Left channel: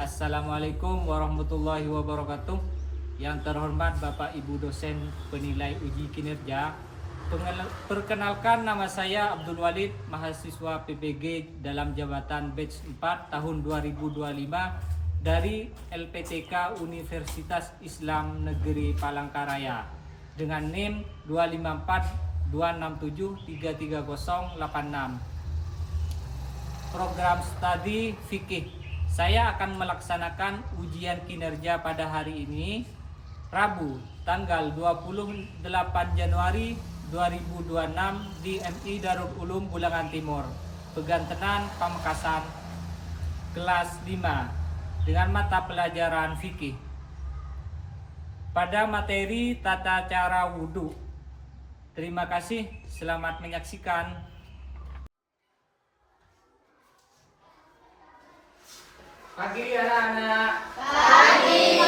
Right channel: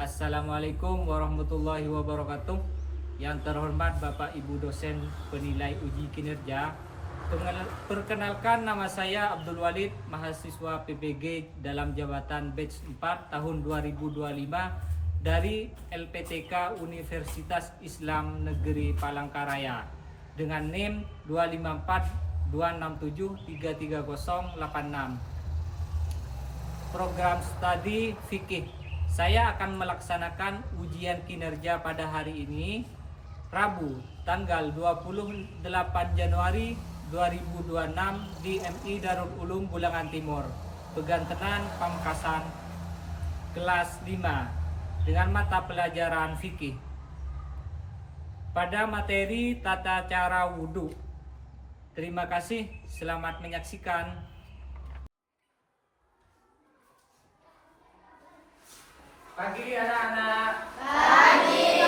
Assalamualaikum warahmatullahi wabarakatuh. Yang terhormat Bapak Ibu dosen penilai uji kinerja, perkenalkan nama saya Abdul Walid, mahasiswa PPG dalam jabatan batch 4 tahun 2025 dari LPTK Universitas Islam Negeri Palangkaraya dengan NIM 25426733086. Program studi fikih. Saya akan melaksanakan ujian kinerja pada hari ini, Rabu, tanggal 28 Januari 2026 di MI Darul Ulum Bulangan Timur, Pegantenan, Pamekasan, kelas 5 dengan mata pelajaran fikih. Pada materi tata cara wudhu. Terima kasih, selamat menyaksikan. Pagi anak-anak. Pagi.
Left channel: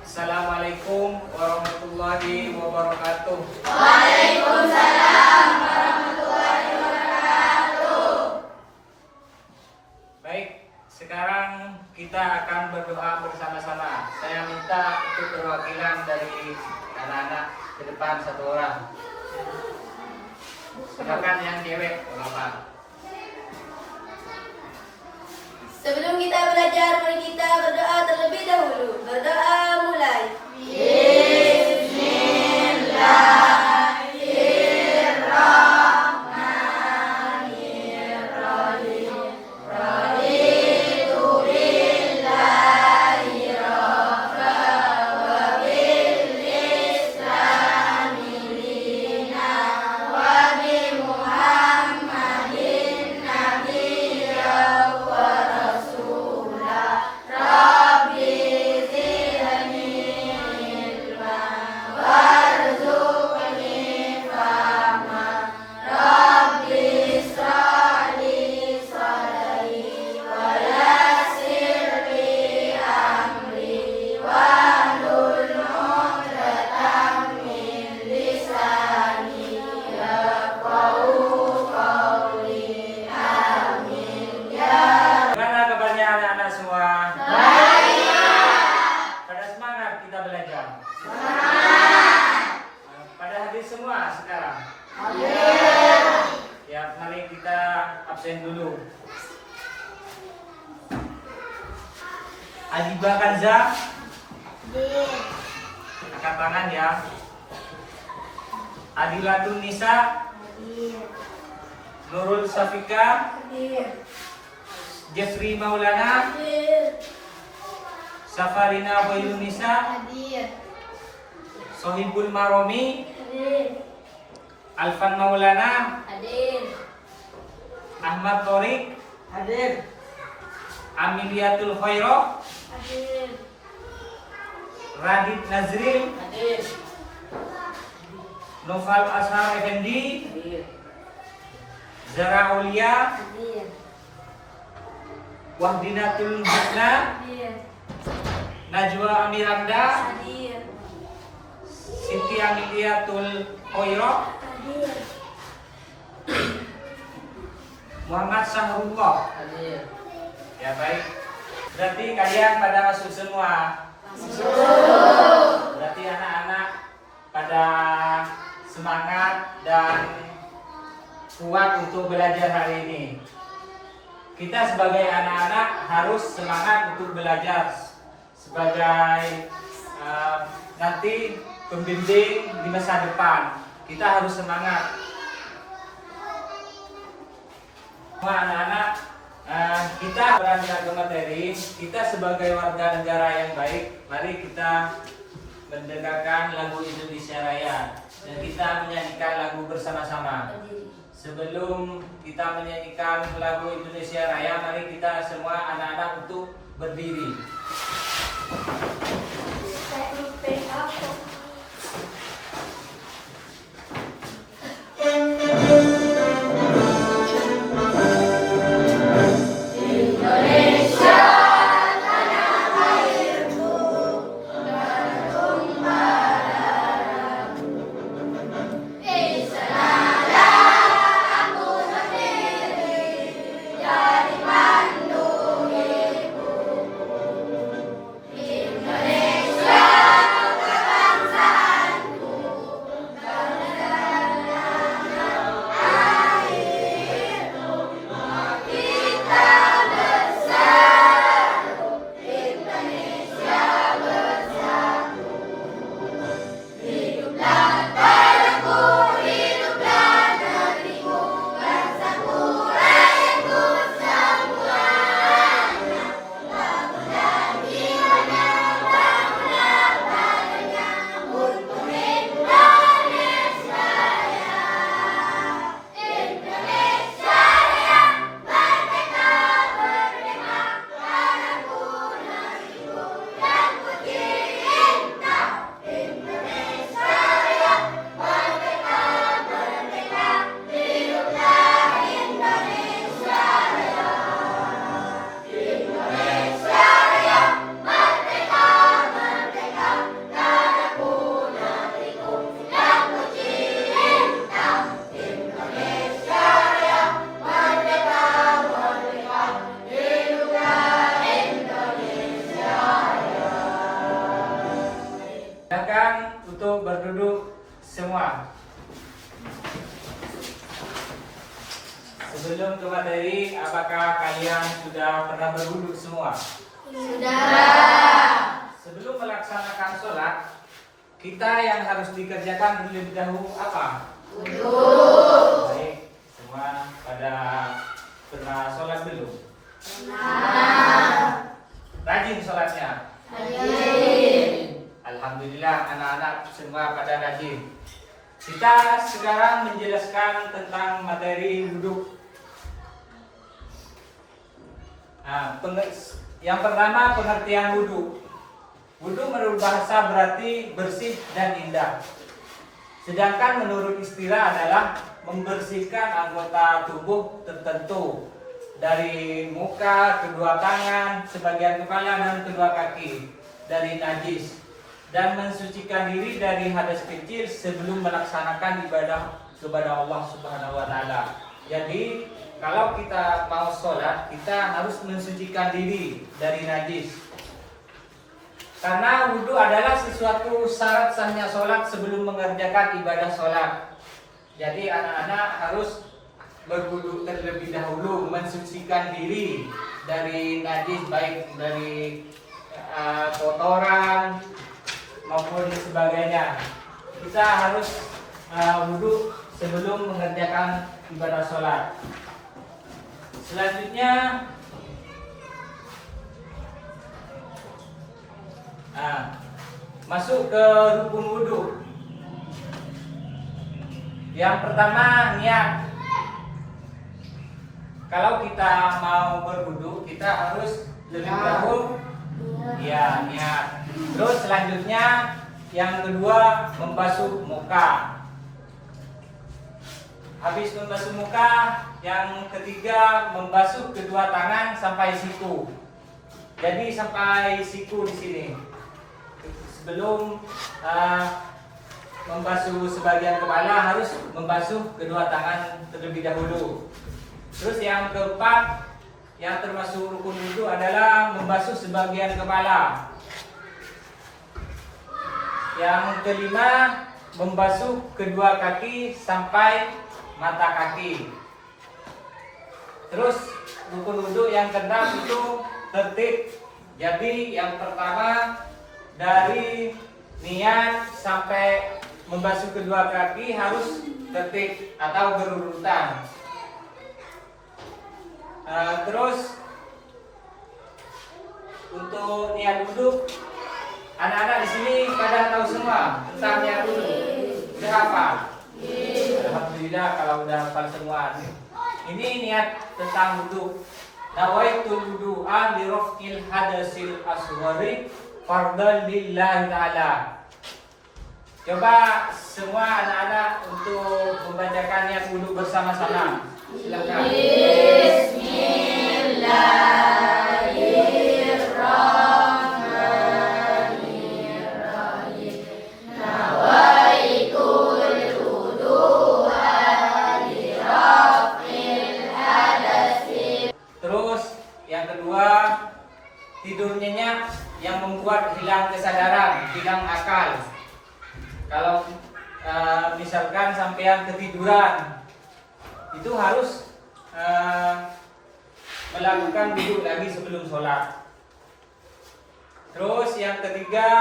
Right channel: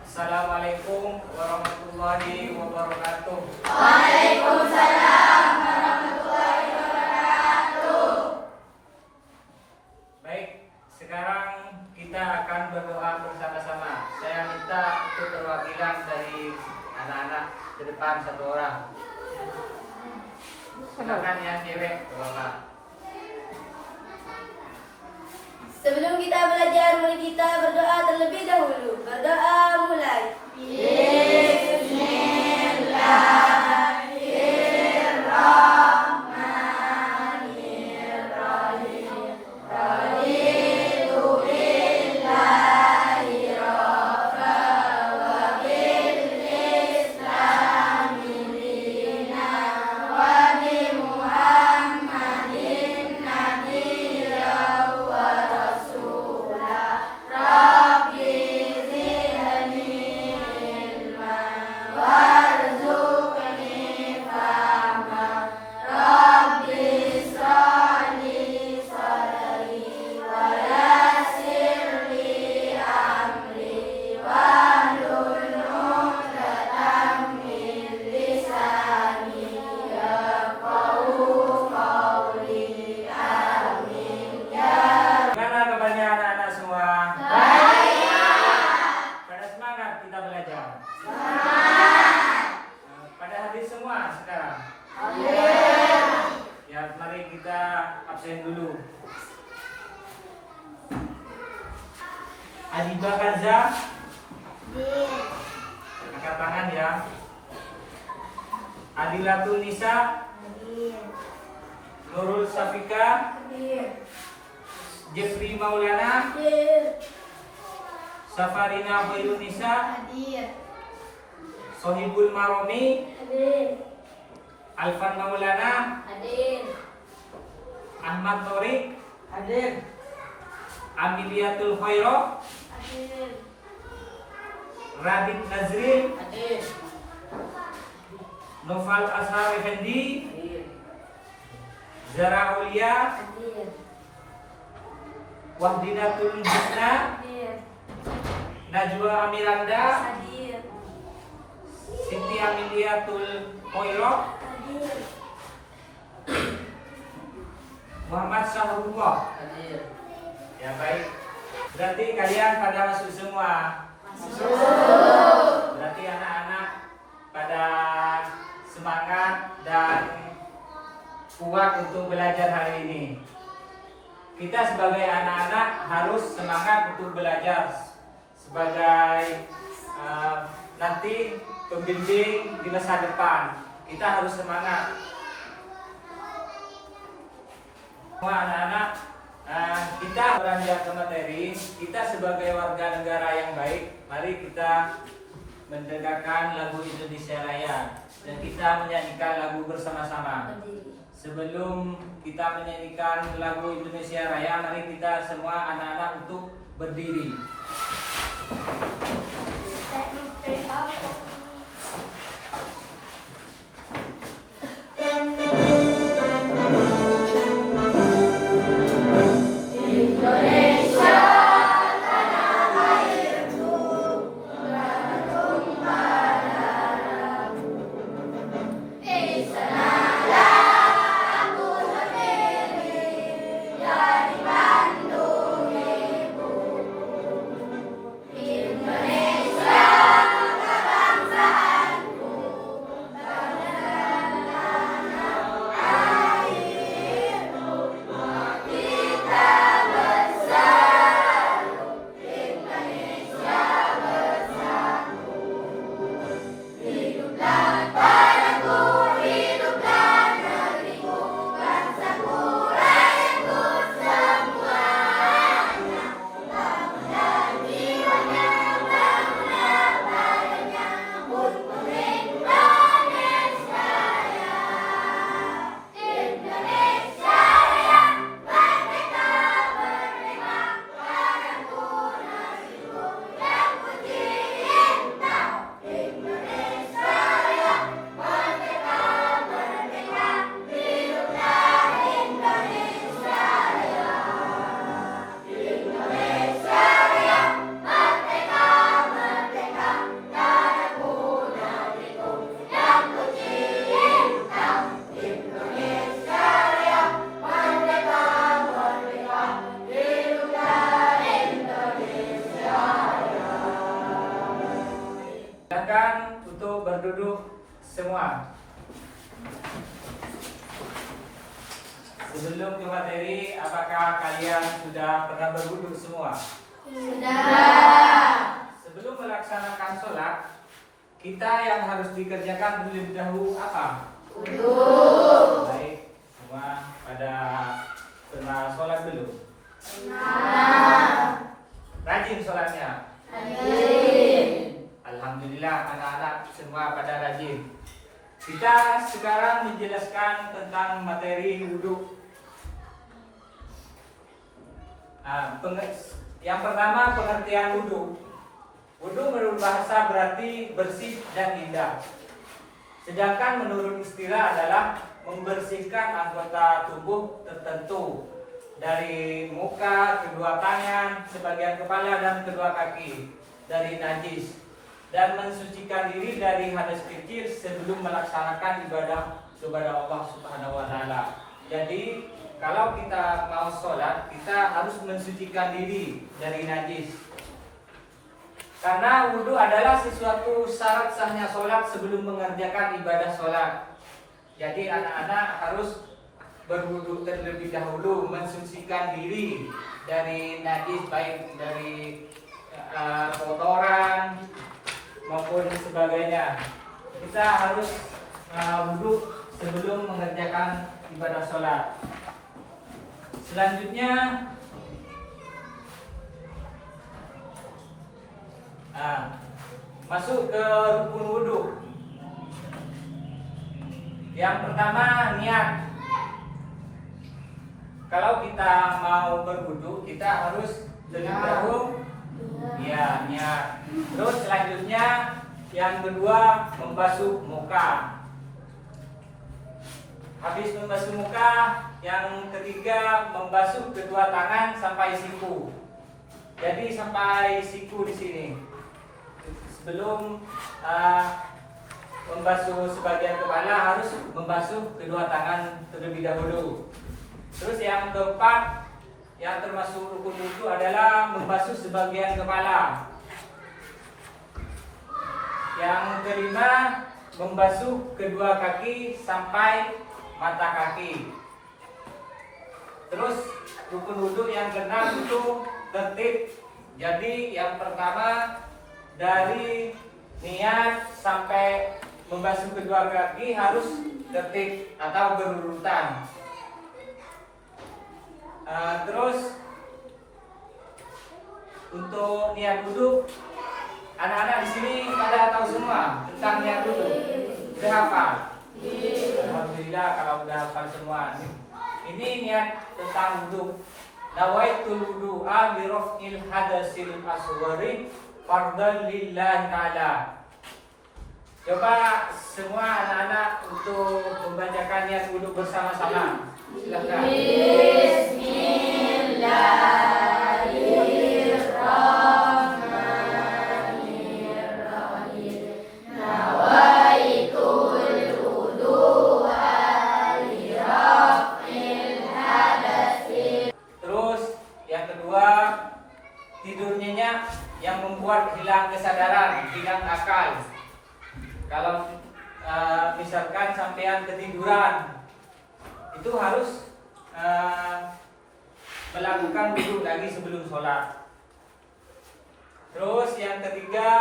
Assalamualaikum warahmatullahi wabarakatuh. Waalaikumsalam warahmatullahi wabarakatuh. Baik, sekarang kita akan berdoa bersama-sama. Saya minta untuk perwakilan dari anak-anak ke depan satu orang. Silakan yang cewek, Bapak. Sebelum kita belajar, mari kita berdoa terlebih dahulu. Berdoa mulai. Bismillahirrahmanirrahim. Raditu billahi rabba wa bil islami dina wa bi Muhammadin nabiyya wa rasulah. Rabbi zidni ilma warzuqni fahma. Rabbi ishrah li sadri wa yassir li amri wahlul 'uqdatam min lisani yafqahu qawli. Amin ya. Gimana kabarnya anak-anak semua? Baik. Pada semangat kita belajar. Pada hadir semua sekarang. Ya, mari kita absen dulu. Adiba Kanza, angkat tangan ya. Adilatun Nisa, Nurul Safika, Jeffrey Maulana, Safarina Bayunisa, Sohibul Maromi, Alfan Maulana, Ahmad Torik, Amiliatul Khairo, Radit Nazril, Noval Ashar Effendi, Zara Aulia, Wahdinatul Husna, Najwa Amiranda, Siti Amiliatul Khairo, Muhammad Sahrullah. Ya baik. Berarti kalian pada masuk semua. Berarti anak-anak pada semangat dan kuat untuk belajar hari ini. Kita sebagai anak-anak harus semangat untuk belajar sebagai nanti pembimbing di masa depan. Kita harus semangat. Semua anak-anak, kita beranjak ke materi. Kita sebagai warga negara yang baik, mari kita mendengarkan lagu Indonesia Raya dan kita menyanyikan lagu bersama-sama. Sebelum kita menyanyikan lagu Indonesia Raya, mari kita semua anak-anak untuk berdiri. Indonesia tanah airku, Bandung Barat. Di sanalah aku berdiri. semua. Sebelum ke materi, apakah kalian sudah pernah berwudu semua? Sudah. Sebelum melaksanakan sholat, kita yang harus dikerjakan terlebih dahulu apa? Wudu. Baik, semua pada pernah sholat belum? Nah. Rajin sholatnya? Rajin. Alhamdulillah anak-anak semua pada rajin. Kita sekarang menjelaskan tentang materi wudhu. Yang pertama, pengertian wudhu. Wudhu menurut bahasa berarti bersih dan indah. Sedangkan menurut istilah adalah membersihkan anggota tubuh tertentu dari muka, kedua tangan, sebagian kepala dan kedua kaki dari najis, dan mensucikan diri dari hadas kecil sebelum melaksanakan ibadah kepada Allah Subhanahu wa taala. Jadi, kalau kita mau sholat, kita harus mensucikan diri dari najis. Karena wudhu adalah sesuatu syarat sahnya sholat sebelum mengerjakan ibadah sholat. Jadi anak-anak harus berwudhu terlebih dahulu, mensucikan diri dari najis, baik dari kotoran maupun sebagainya. Kita harus wudhu sebelum mengerjakan ibadah sholat. Selanjutnya, masuk ke rukun wudhu. Yang pertama, niat. Kalau kita mau berwudhu, kita harus lebih dahulu niat. Terus selanjutnya, yang kedua, membasuh muka. Habis membasuh muka, yang ketiga membasuh kedua tangan sampai siku. Jadi sampai siku di sini. Sebelum membasuh sebagian kepala, harus membasuh kedua tangan terlebih dahulu. Terus yang keempat, yang termasuk rukun wudhu adalah membasuh sebagian kepala. Yang kelima, membasuh kedua kaki sampai mata kaki. Terus rukun wudhu yang keenam itu tertib. Jadi yang pertama, dari niat sampai membasuh kedua kaki harus tertib atau berurutan. Terus untuk niat wudhu, anak-anak di sini pada tahu semua tentang niat wudhu. Sudah hafal? Alhamdulillah kalau udah hafal semua. Ini niat tentang wudhu. Nawaitul wudu'a li raf'il hadasil asghari fardhan lillahi ta'ala. Coba semua anak-anak untuk membacakan niat wudhu bersama-sama. Silakan. Bismillahirrahmanirrahim. Nawaitul wudu'a li raf'il hadasi. Terus yang kedua, tidur nyenyak yang membuat hilang kesadaran, hilang akal. Kalau misalkan sampean ketiduran, itu harus melakukan wudhu lagi sebelum sholat. Terus yang ketiga,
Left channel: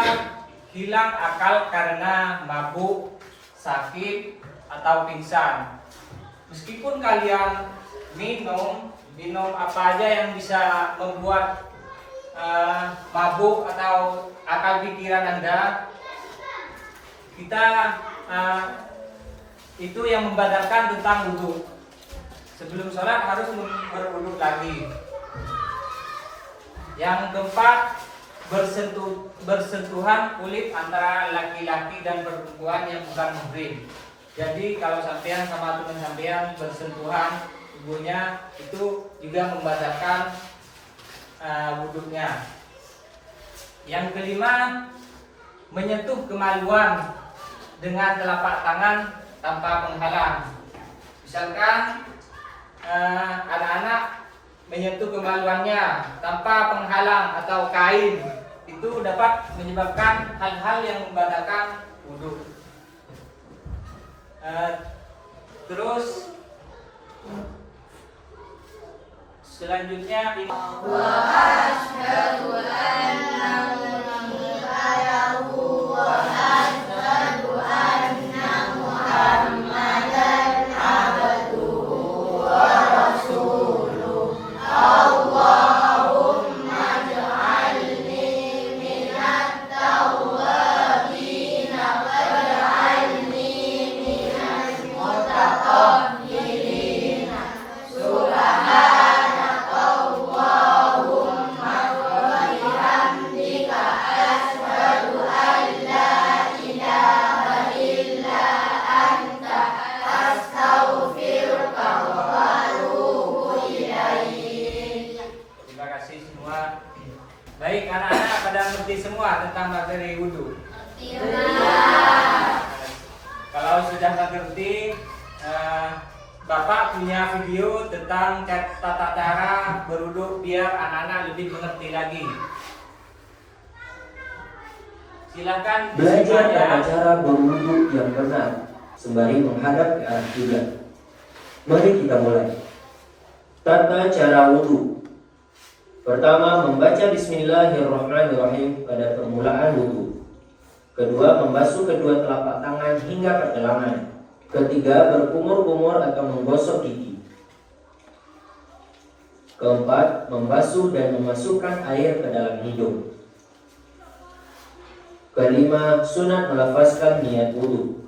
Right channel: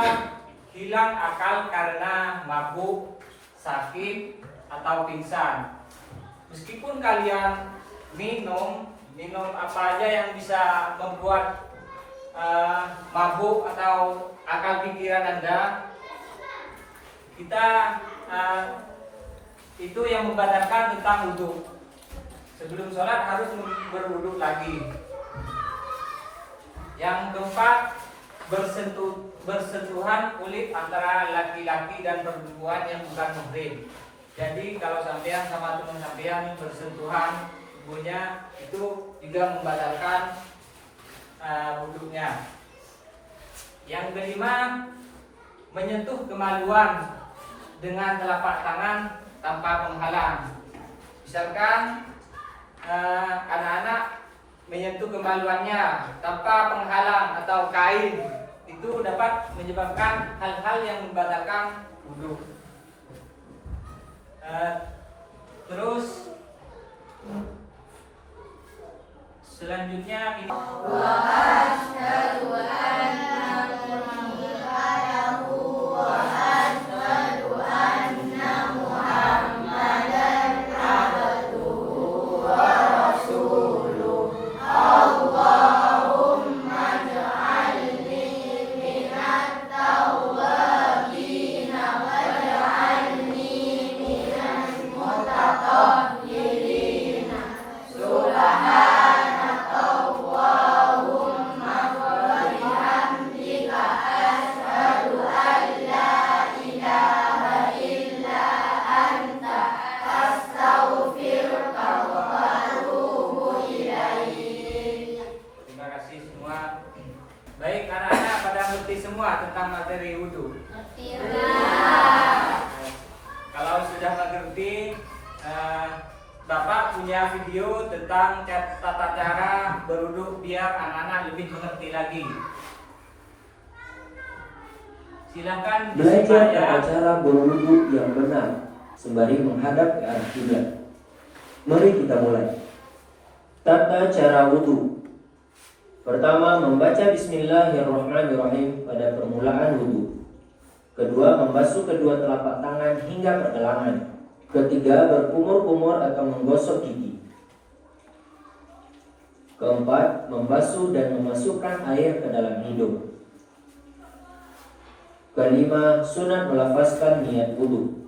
hilang akal karena mabuk, sakit, atau pingsan. Meskipun kalian minum apa aja yang bisa membuat mabuk atau akal pikiran Anda, kita itu yang membatalkan tentang wudhu. Sebelum sholat harus berwudhu lagi. Yang keempat, bersentuhan kulit antara laki-laki dan perempuan yang bukan muhrim. Jadi kalau sampean sama teman sampean bersentuhan tubuhnya, itu juga membatalkan wudhunya. Yang kelima, menyentuh kemaluan dengan telapak tangan tanpa penghalang. Misalkan anak-anak menyentuh kemaluannya tanpa penghalang atau kain, itu dapat menyebabkan hal-hal yang membatalkan wudhu. Terus selanjutnya ini terima kasih semua. Baik, anak-anak pada ngerti semua tentang materi wudhu. Kalau sudah mengerti, Bapak punya video tentang tata cara berwudhu biar anak-anak lebih mengerti lagi. Silakan Belajar disimak ya. tata cara berwudu yang benar sembari menghadap ke arah kiblat. Mari kita mulai. Tata cara wudu. Pertama, membaca Bismillahirrahmanirrahim pada permulaan wudu. Kedua, membasuh kedua telapak tangan hingga pergelangan. Ketiga, berkumur-kumur atau menggosok gigi. Keempat, membasuh dan memasukkan air ke dalam hidung. Kelima, sunat melafazkan niat wudu.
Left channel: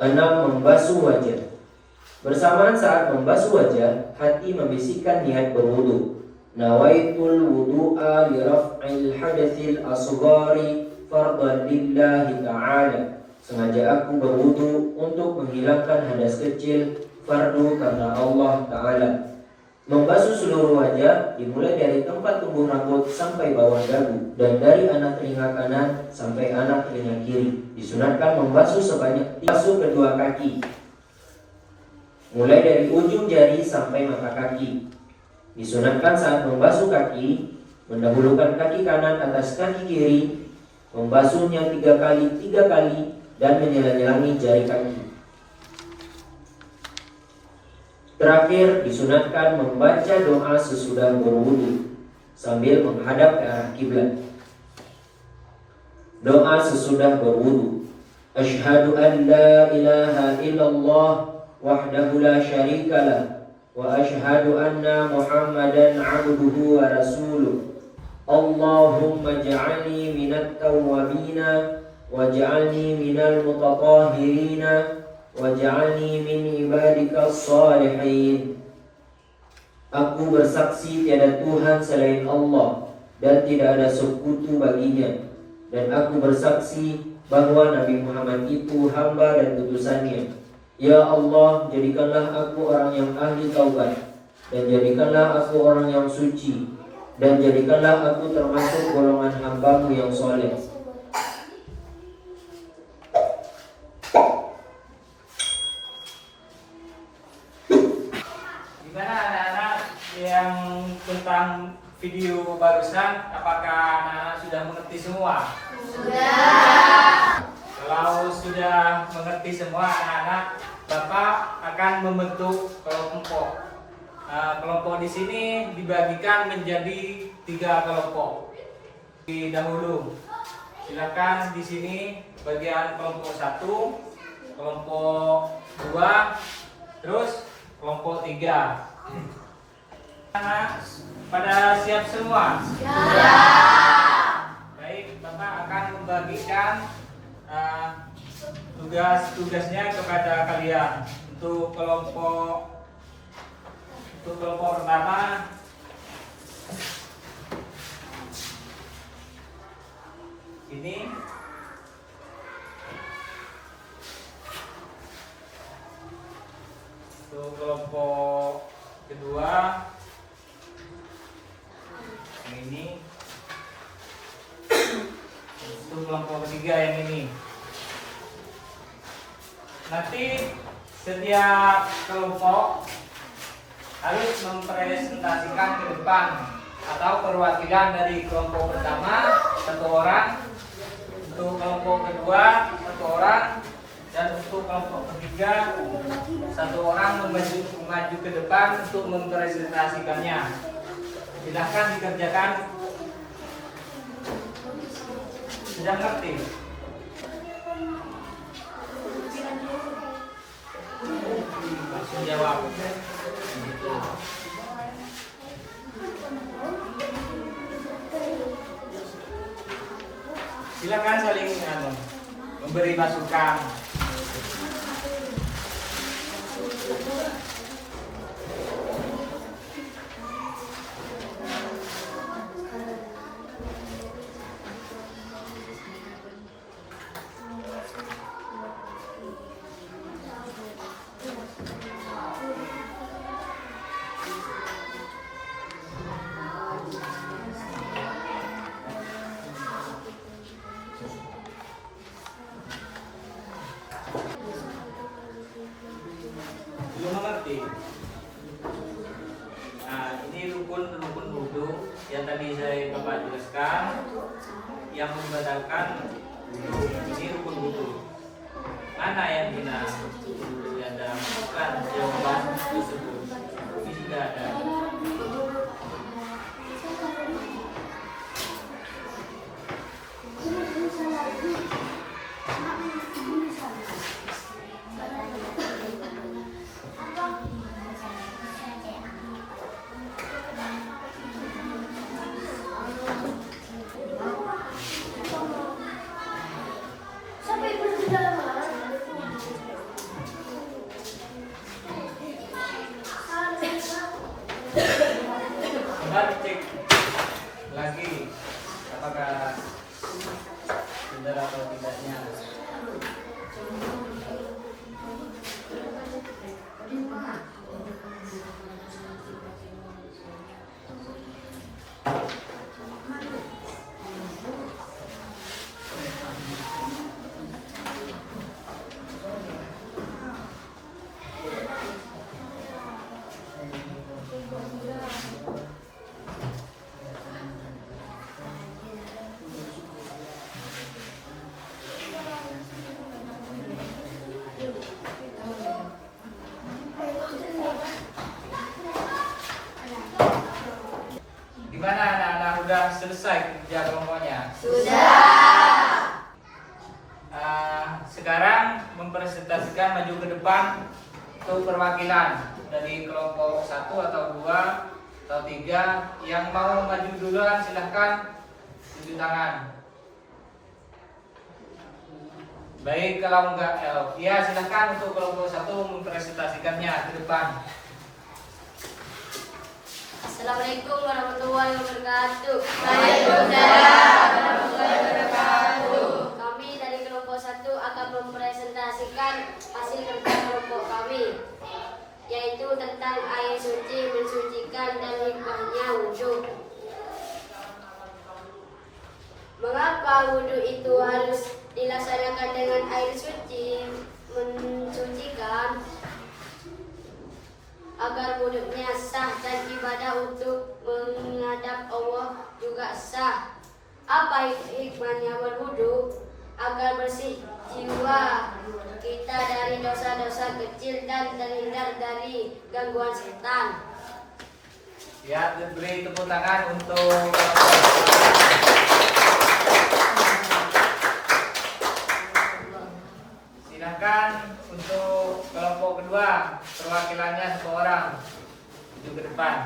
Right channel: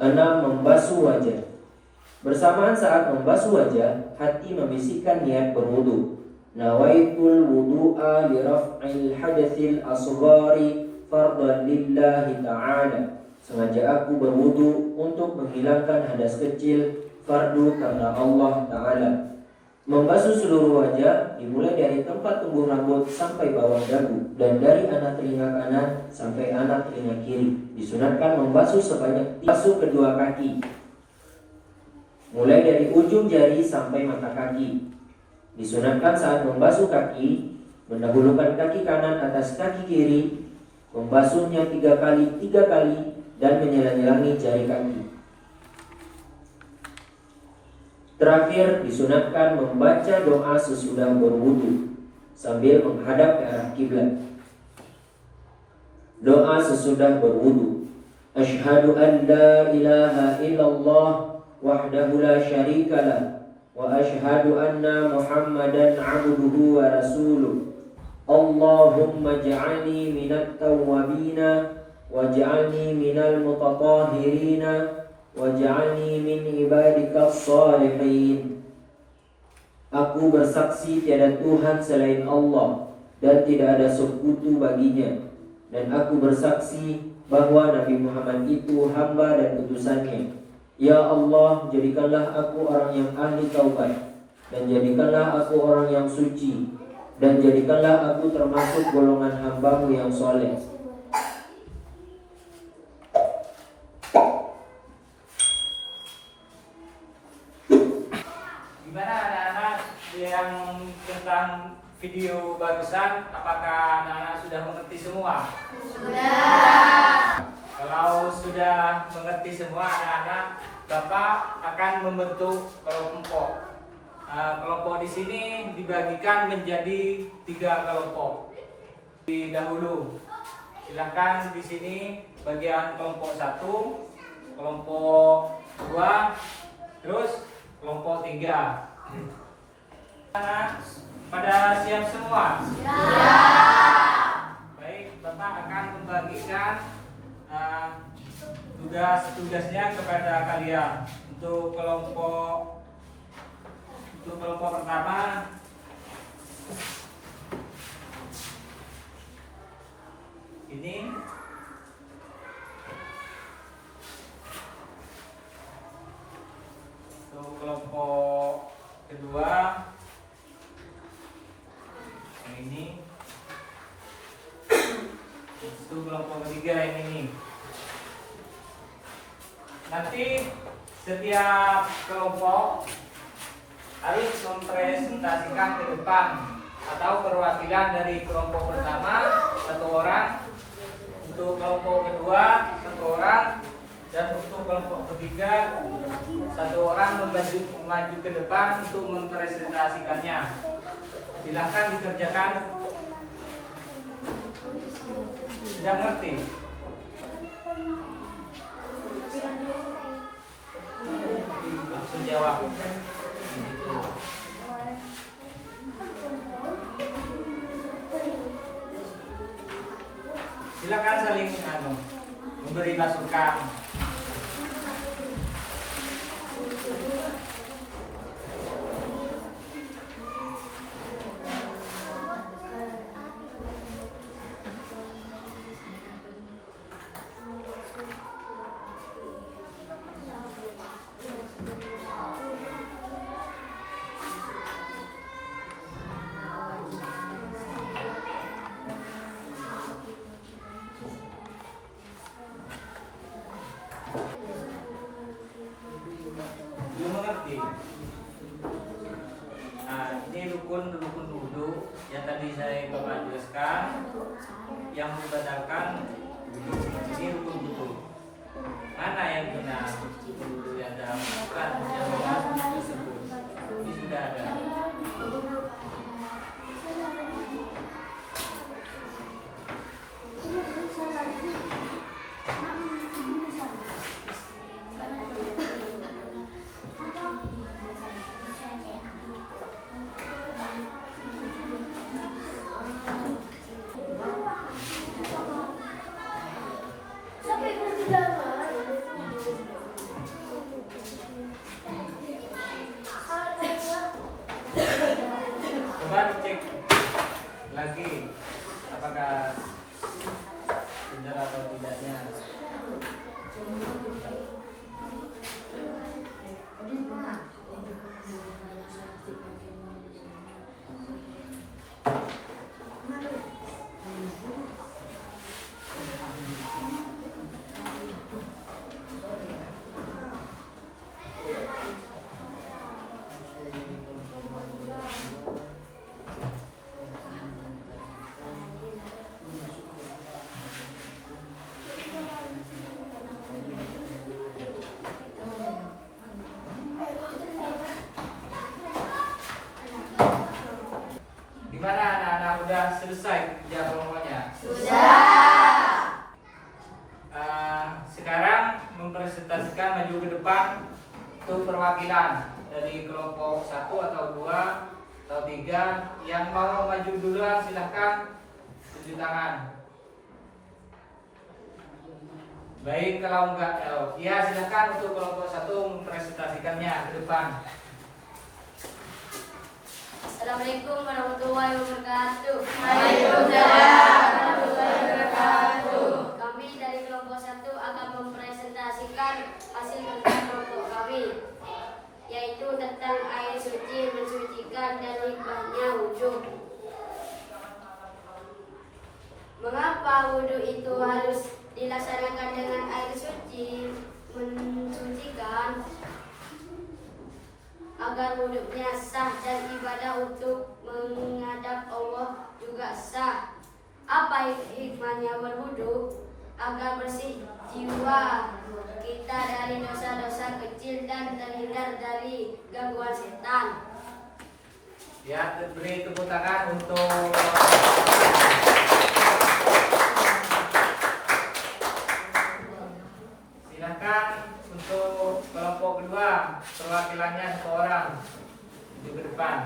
6. Membasuh wajah. Bersamaan saat membasuh wajah, hati membisikkan niat berwudu. Nawaitul wudu'a li raf'il hadatsil asghari fardhan lillahi ta'ala. Sengaja aku berwudu untuk menghilangkan hadas kecil fardu karena Allah Ta'ala. Membasuh seluruh wajah dimulai dari tempat tumbuh rambut sampai bawah dagu dan dari anak telinga kanan sampai anak telinga kiri. Disunatkan membasuh sebanyak 3 basuh kedua kaki, mulai dari ujung jari sampai mata kaki. Disunatkan saat membasuh kaki, mendahulukan kaki kanan atas kaki kiri, membasuhnya 3 kali, dan menyela-nyelangi jari kaki. Terakhir, disunatkan membaca doa sesudah berwudu sambil menghadap ke arah kiblat. Doa sesudah berwudu. Asyhadu an la ilaha illallah wahdahu la syarika lah wa asyhadu anna Muhammadan abduhu wa rasuluh. Allahumma ja'alni minat tawwabina waj'alni minal mutatahhirina waj'alni min ibadikas salihin. Aku bersaksi tiada Tuhan selain Allah dan tidak ada sekutu baginya, dan aku bersaksi bahwa Nabi Muhammad itu hamba dan utusannya. Ya Allah, jadikanlah aku orang yang ahli taubat, dan jadikanlah aku orang yang suci, dan jadikanlah aku termasuk golongan hambamu yang soleh. Gimana anak-anak yang tentang video barusan? Apakah anak-anak sudah mengerti semua? Kalau sudah mengerti semua anak-anak, Bapak akan membentuk kelompok. Kelompok di sini dibagikan menjadi 3 kelompok. Di dahulu, silakan di sini bagian kelompok 1, kelompok 2, terus kelompok 3. Pada siap semua? Baik, Bapak akan membagikan tugas-tugasnya kepada kalian. Untuk kelompok pertama, ini untuk kelompok kedua, yang ini. Untuk kelompok ketiga yang ini. Nanti setiap kelompok harus mempresentasikan ke depan atau perwakilan dari kelompok pertama 1 orang, untuk kelompok kedua 1 orang, Dan untuk kelompok ketiga, satu orang maju ke depan untuk mempresentasikannya. Silahkan dikerjakan. Sudah ngerti? Langsung jawab. Silakan saling memberi masukan. Belum mengerti? Nah, ini rukun wudu yang tadi saya Bapak jelaskan, yang membatalkan ini rukun wudu. Mana yang benar? Ada bukan jawaban tersebut. Ini sudah ada. Coba dicek lagi apakah benar atau tidaknya. Gimana anak-anak, udah selesai kerja kelompoknya? Sudah. Sekarang mempresentasikan maju ke depan untuk perwakilan dari kelompok 1 atau 2 atau 3. Yang mau maju duluan silahkan tunjuk tangan. Baik, kalau enggak ya silahkan untuk kelompok 1 mempresentasikannya ke depan. Assalamualaikum warahmatullahi wabarakatuh. Waalaikumsalam warahmatullahi wabarakatuh. Kami dari kelompok 1 akan mempresentasikan hasil kerja kelompok kami, yaitu tentang air suci, mensucikan dan hikmahnya wudhu. Mengapa wudhu itu harus dilaksanakan dengan air suci, mensucikan? Agar wudhunya sah dan ibadah untuk menghadap Allah juga sah. Apa hikmahnya berwudhu? Agar bersih jiwa kita dari dosa-dosa kecil dan terhindar dari gangguan setan. Ya, beri tepuk tangan untuk silakan untuk kelompok kedua, perwakilannya seorang maju ke depan.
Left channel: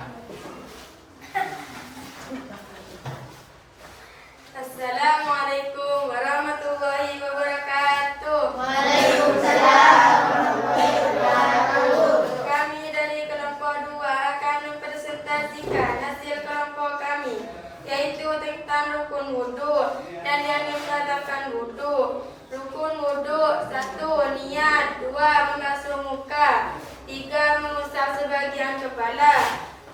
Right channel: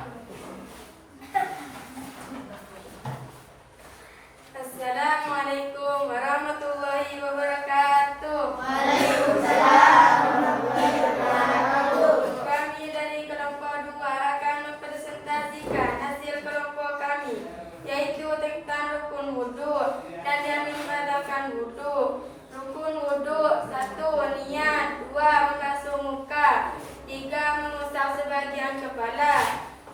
Assalamualaikum warahmatullahi wabarakatuh. Waalaikumsalam warahmatullahi wabarakatuh. Kami dari kelompok 2 akan mempresentasikan hasil kelompok kami, yaitu tentang rukun wudhu dan yang membatalkan wudhu. Rukun wudhu: 1. Niat. 2. Membasuh muka. 3. Mengusap sebagian kepala.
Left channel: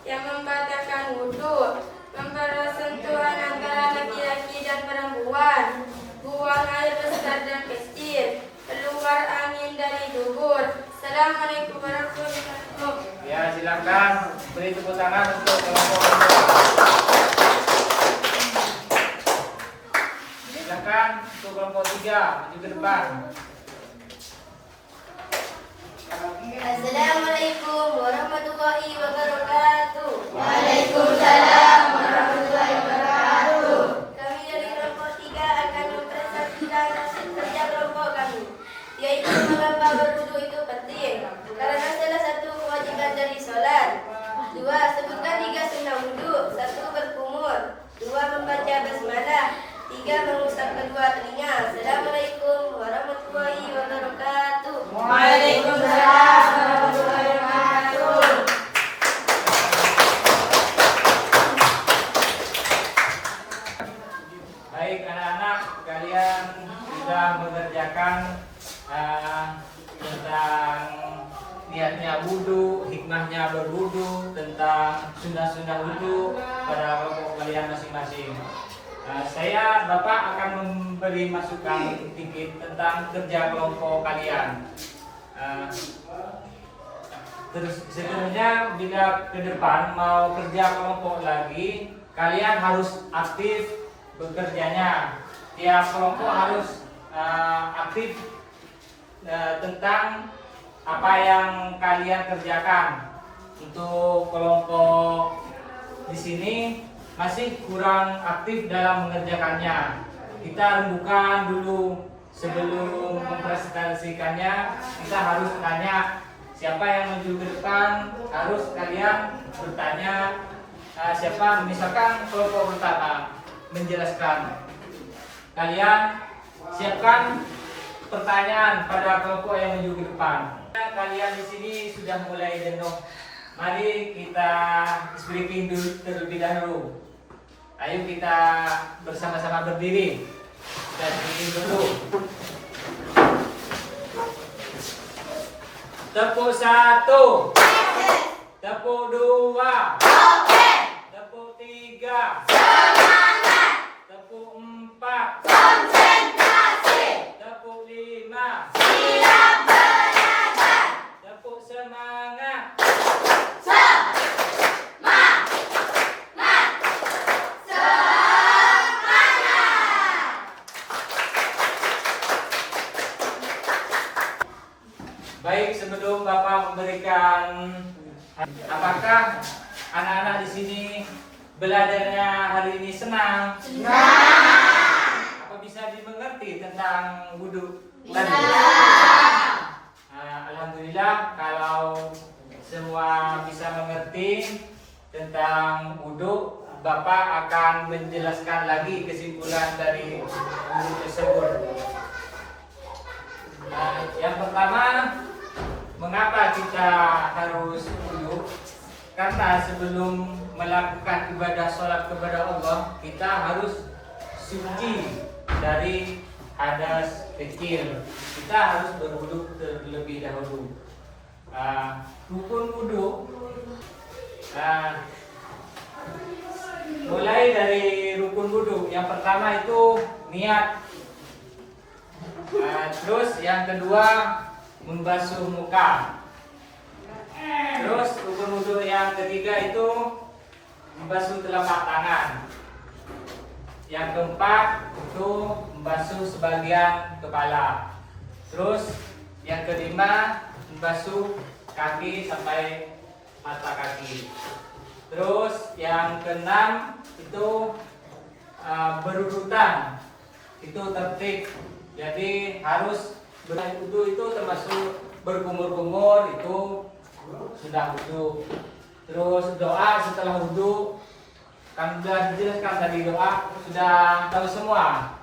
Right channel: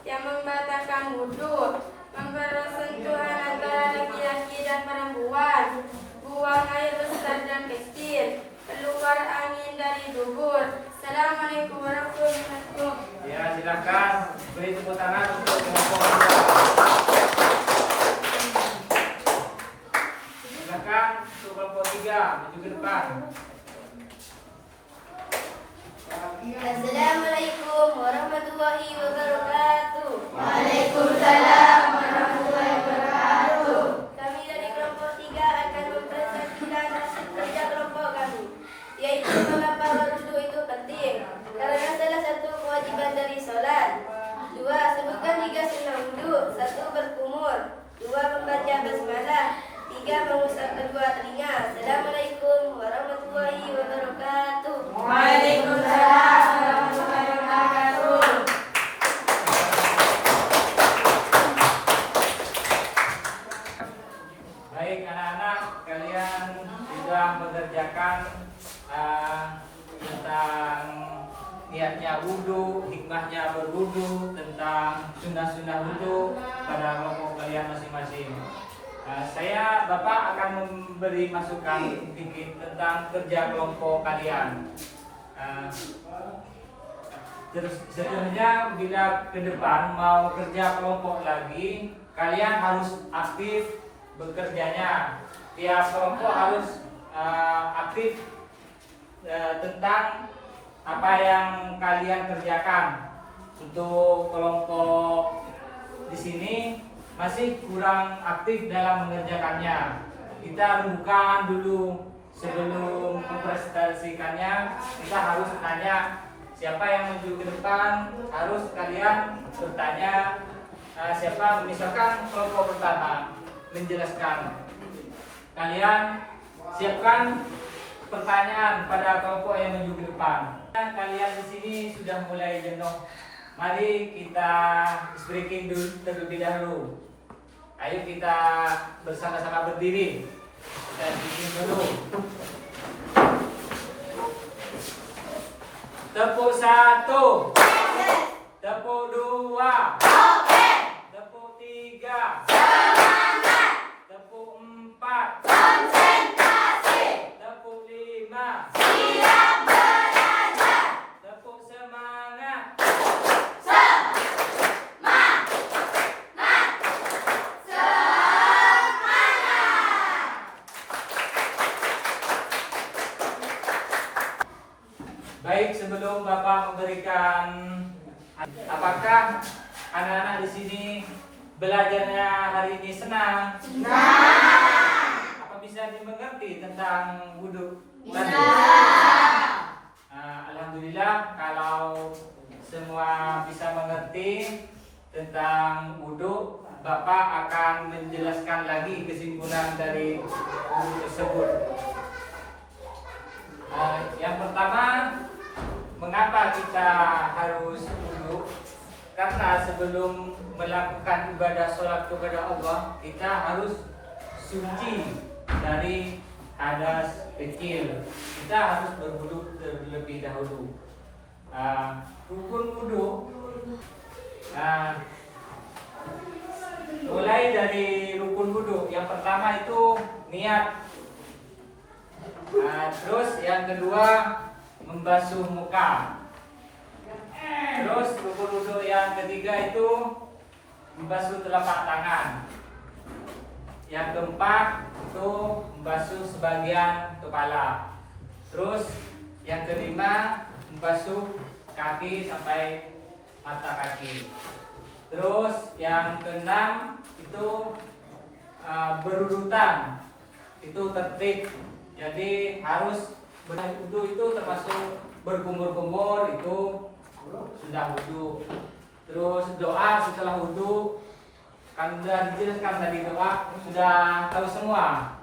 Yang membatalkan wudhu: mempersentuhan antara laki-laki dan perempuan, buang air besar dan kecil, keluar angin dari dubur. Assalamualaikum warahmatullahi wabarakatuh. Ya, silakan beri tepuk tangan untuk kelompok kedua. Silakan untuk kelompok 3 maju ke depan. Assalamualaikum warahmatullahi wabarakatuh. Waalaikumsalam warahmatullahi wabarakatuh. Kami dari kelompok 3 akan mempresentasikan hasil kerja kelompok kami, yaitu mengapa berwudu itu penting. Karena salah satu kewajiban dari sholat. 2. Sebutkan 3 sunnah wudu. 1. Berkumur. 2. Membaca basmalah. 3. Mengusap kedua telinga. Assalamualaikum warahmatullahi wabarakatuh. Waalaikumsalam warahmatullahi wabarakatuh. Baik anak-anak, kalian sudah mengerjakan tentang niatnya wudhu, hikmahnya berwudhu, tentang sunnah-sunnah wudhu pada kelompok kalian masing-masing. Saya Bapak akan memberi masukan sedikit tentang kerja kelompok kalian. Terus sebenarnya bila ke depan mau kerja kelompok lagi, kalian harus aktif bekerjanya. Tiap kelompok harus aktif tentang apa yang kalian kerjakan. Untuk kelompok di sini masih kurang aktif dalam mengerjakannya. Kita rembukan dulu sebelum mempresentasikannya. Kita harus tanya siapa yang maju ke depan. Harus kalian bertanya siapa, misalkan kelompok pertama menjelaskan. Kalian siapkan pertanyaan pada kelompok yang maju ke depan. Kalian di sini sudah mulai jenuh. Mari kita speaking dulu terlebih dahulu. Ayo kita bersama-sama berdiri dan bikin dulu. Tepuk 1, tepuk 2, tepuk 3, tepuk 4, tepuk 5, tepuk semangat. Baik, sebelum Bapak memberikan, apakah anak-anak di sini belajarnya hari ini senang? Apa bisa dimengerti tentang wudhu? Bisa. Alhamdulillah kalau semua bisa mengerti tentang wudhu, Bapak akan menjelaskan lagi kesimpulan dari wudhu tersebut. Yang pertama, mengapa kita harus wudhu? Karena sebelum melakukan ibadah sholat kepada Allah, kita harus suci dari hadas kecil. Kita harus berwudhu terlebih dahulu. Rukun wudhu mulai dari rukun wudhu. Yang pertama itu niat. Terus yang kedua membasuh muka. Terus rukun wudhu yang ketiga itu membasuh telapak tangan. Yang keempat itu membasuh sebagian kepala. Terus yang kelima membasuh kaki sampai mata kaki. Terus yang keenam itu berurutan, itu tertib. Jadi harus wudhu itu termasuk berkumur-kumur, itu sudah wudhu. Terus doa setelah wudhu, kan sudah dijelaskan tadi, doa sudah tahu semua.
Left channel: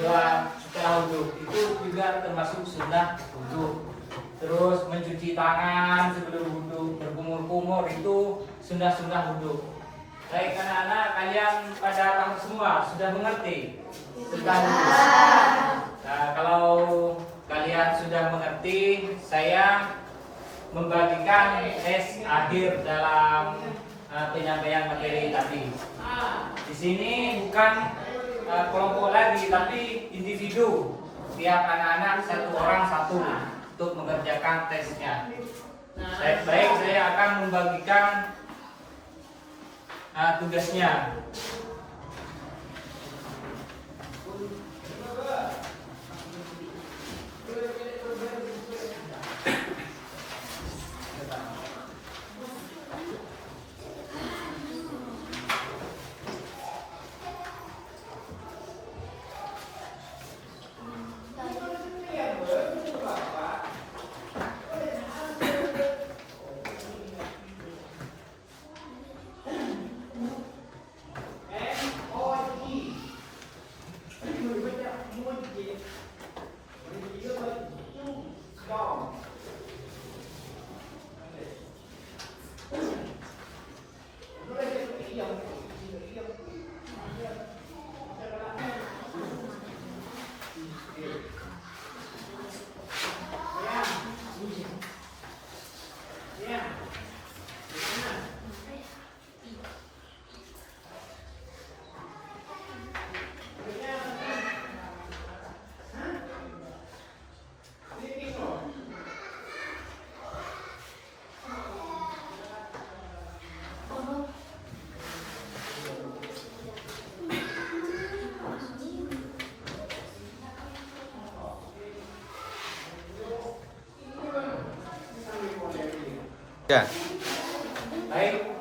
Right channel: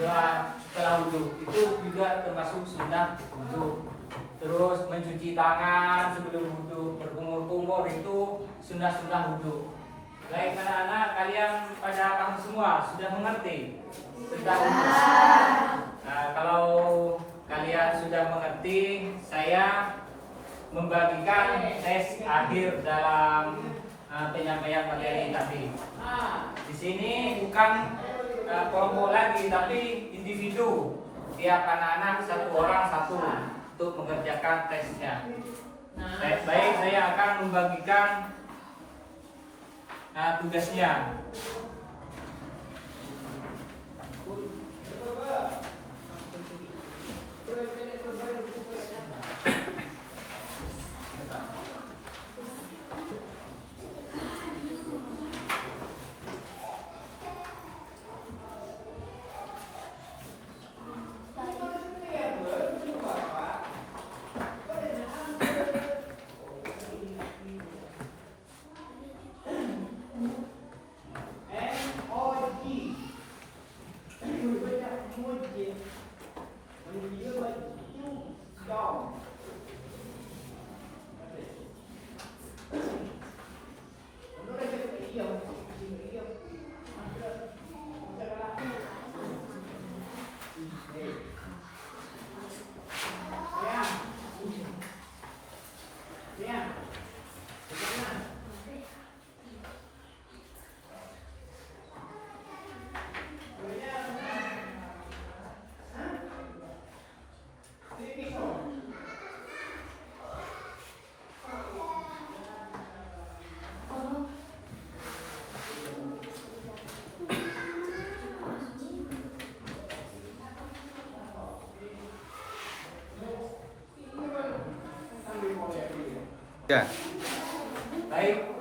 Doa setelah wudhu itu juga termasuk sunnah wudhu. Terus mencuci tangan sebelum wudhu, berkumur-kumur, itu sunnah-sunnah wudhu. Baik anak-anak, kalian pada paham semua, sudah mengerti tentang wudhu. Nah, kalau kalian sudah mengerti, saya membagikan tes akhir dalam penyampaian materi tadi. Di sini bukan kelompok lagi, tapi individu. Tiap anak-anak satu orang satu untuk mengerjakan tesnya. Baik, saya akan membagikan tugasnya. Ya. Baik,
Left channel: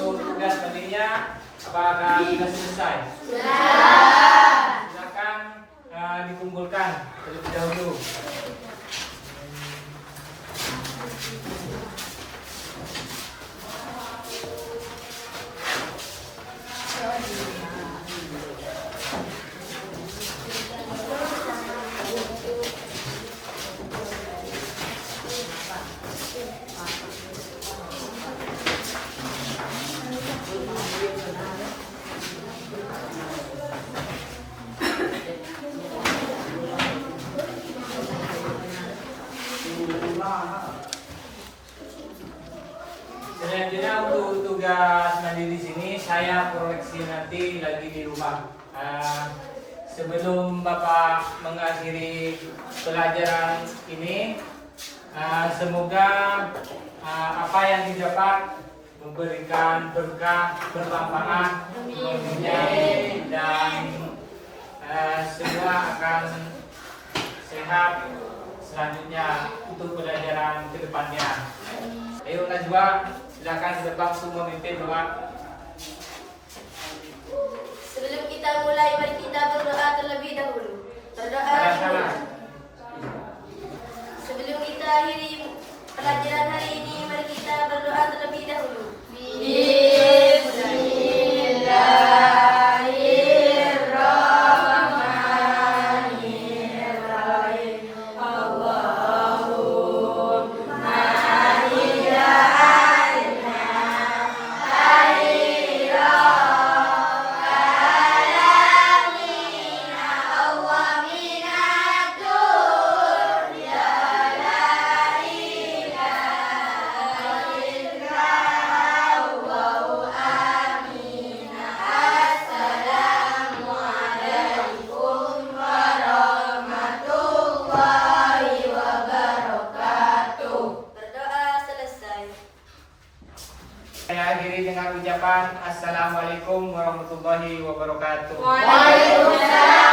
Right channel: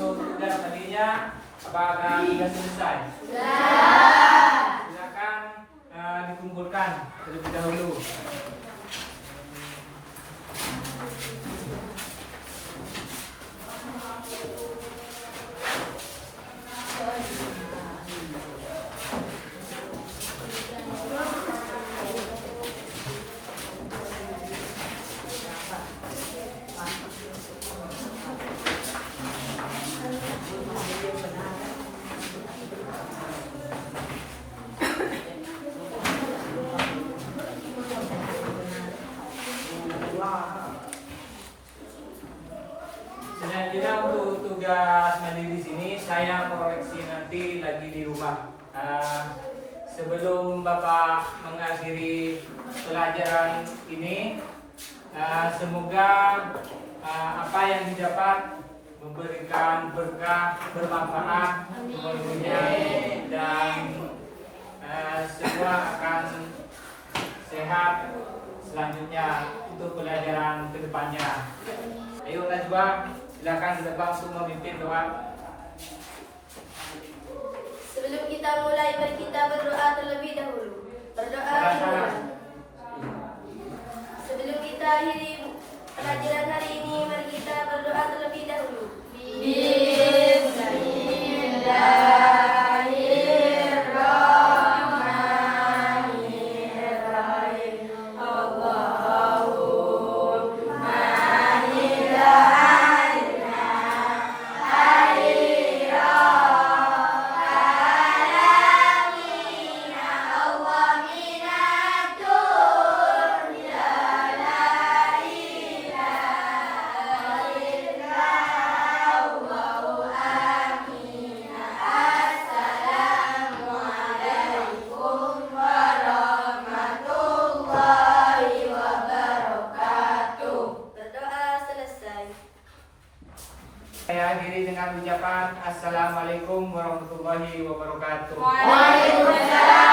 untuk tugas tadinya apakah sudah selesai? Silakan dikumpulkan terlebih dahulu. Selanjutnya untuk tugas mandiri sini saya proyeksi nanti lagi di rumah. Sebelum Bapak mengakhiri pelajaran ini, semoga apa yang didapat memberikan berkah, bermanfaat, dan segera akan sehat selanjutnya untuk pelajaran kedepannya. Ayo Najwa, silakan untuk memimpin doa. Sebelum kita mulai, mari kita berdoa terlebih dahulu. Berdoa dulu. Sebelum kita akhiri pelajaran hari ini, mari kita berdoa terlebih dahulu. Saya akhiri dengan ucapan Assalamualaikum warahmatullahi wabarakatuh. Waalaikumsalam.